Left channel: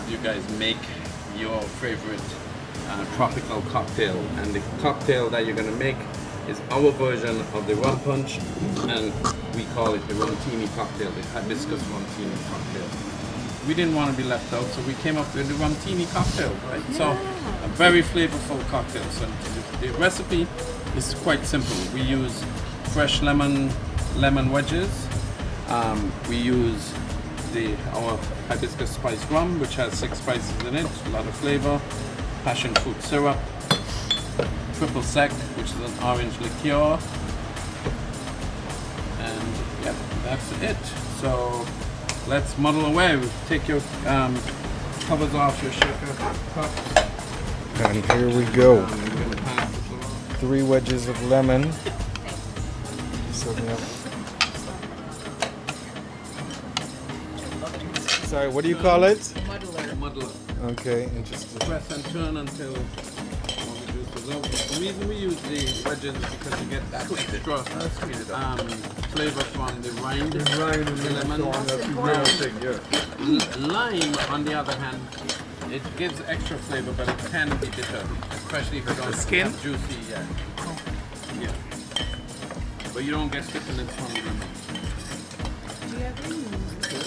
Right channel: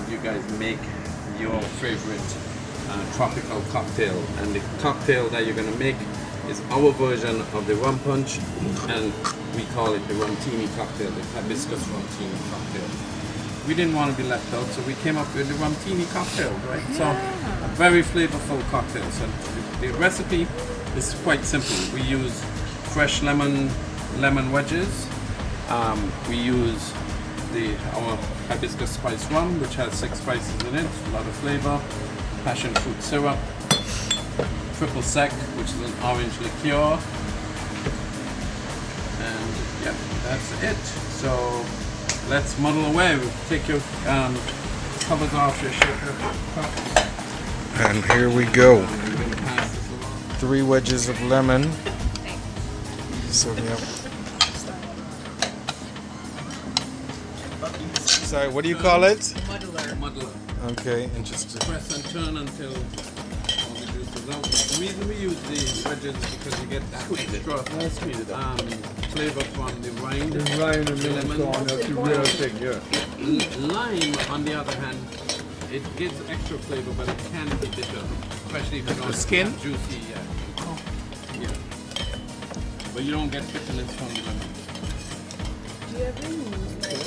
have you guys make your favorite tropical cocktail. And the cocktail that you're gonna make is our version of the rum punch, and we call it the Rumtini Cocktail, the Hibiscus Rumtini Cocktail. We didn't want to be left out, so we came up with the Rumtini Cocktail, right? Yeah. So a very flavorful cocktail. So the recipe is quite simple. We use fresh lemon wedges. We use our Hibiscus Spiced Rum, which has 6 spices in it, a lot of flavor, passion fruit syrup, triple sec, which is an orange liqueur, and yeah, that's it. So let's muddle away. Take your covers off your shaker cups. And here we go. We're gonna pass this along. 3 wedges of lemon. So yeah. Sorry, what do you call it? Muddler. Okay, interesting. Press and turn until all the juice is out. The reason we use the wedges is because you get that extra flavor from the rind, the lemon. Lime, on the other hand, it gives extra flavor, but it can be bitter, especially if you don't have juicy. Yeah. But you don't get bitterness from the lemon.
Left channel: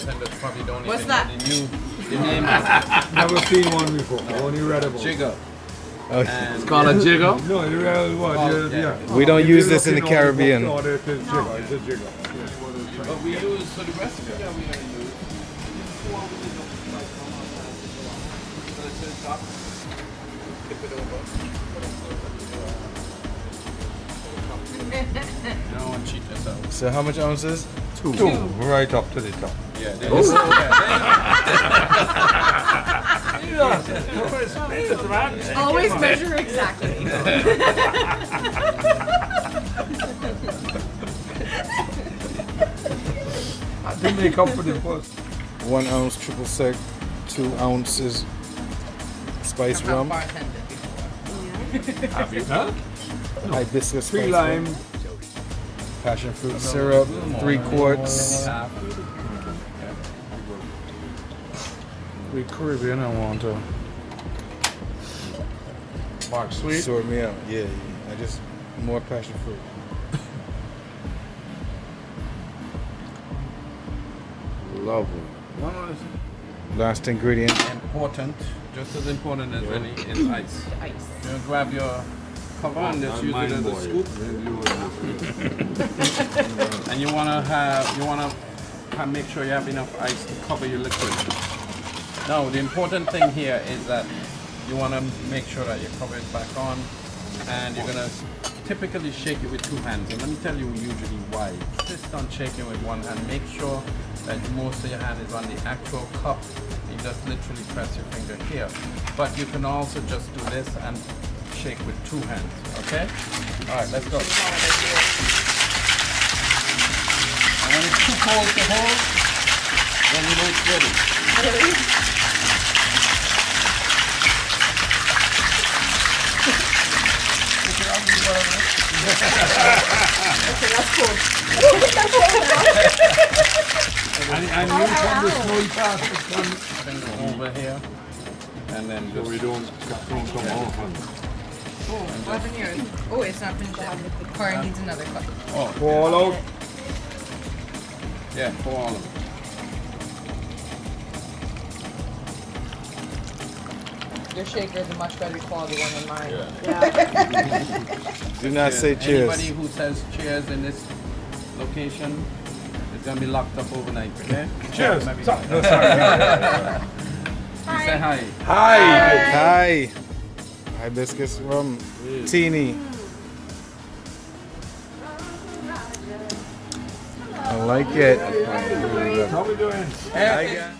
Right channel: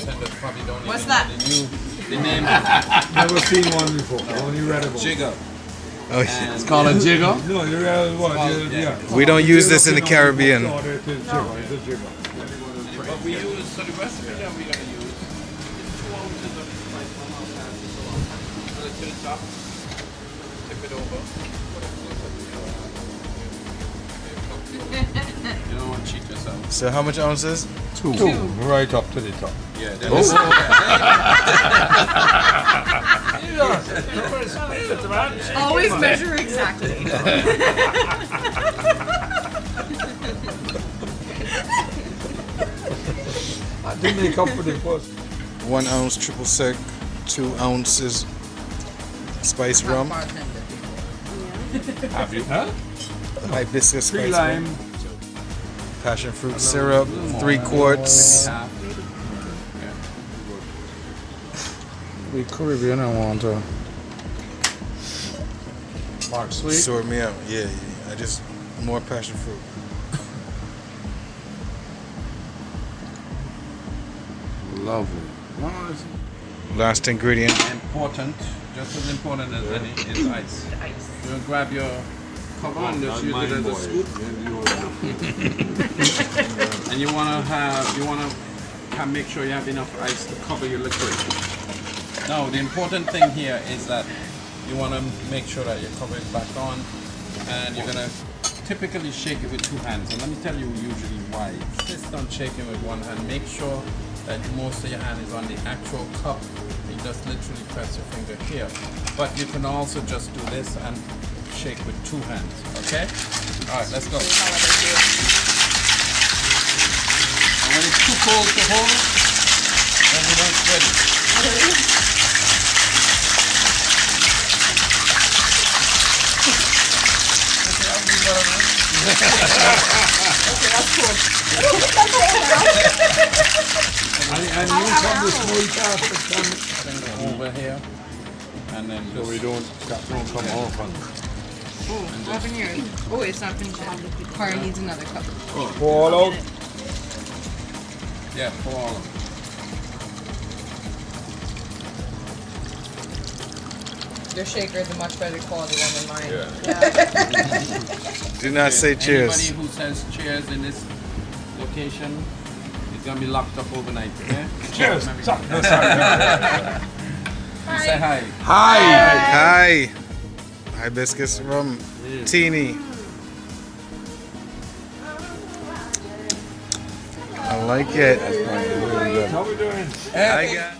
Senders probably don't even know the name. Never seen one before. Only read about it. Jigger. Oh, It's called a jigger. No, you read about it. Yeah. we don't use this in the Caribbean. No, it's a jigger. It's a jigger. But we use, so the recipe that we're going to use is 2 ounces of spiced rum on that. So let's put it top, tip it over. You don't want to cheat yourself. So how much ounces? 2. Right up to the top. Yeah. Always measure exactly. I did make up for the first. 1 ounce triple sec, 2 ounces spiced rum, hibiscus 3 spiced lime. rum, passion fruit syrup, 3 quarts. We Caribbean, I want to. Mark sweet. Sort me out. Yeah. I just more passion fruit. Lovely. Last ingredient. Important, just as important as any, is ice. You're going to grab your cover and just use it as a scoop. And you want to make sure you have enough ice to cover your liquid. Now, the important thing here is that you want to make sure that your cover is back on, and you're going to typically shake it with 2 hands. And let me tell you usually why. Insist on shaking with 1 hand. Make sure that most of your hand is on the actual cup. You just literally press your finger here. But you can also just do this and shake with 2 hands, okay? All right, let's go. And when it's too cold to hold, then you know it's ready. And you from the snowy part that comes. Finger over here, and then So just we don't come off. And Open yours. Oh, it's not finished yet. Corey needs another cup. pour all out. yeah, pour all of it. Your shaker is a much better quality one than mine. Do not say cheers. Anybody who says cheers in this location is gonna be locked up overnight. Okay? Cheers. Maybe. No, sorry. You say hi. Hi. Hibiscus rum. Teeny. I like it. How we doing? I got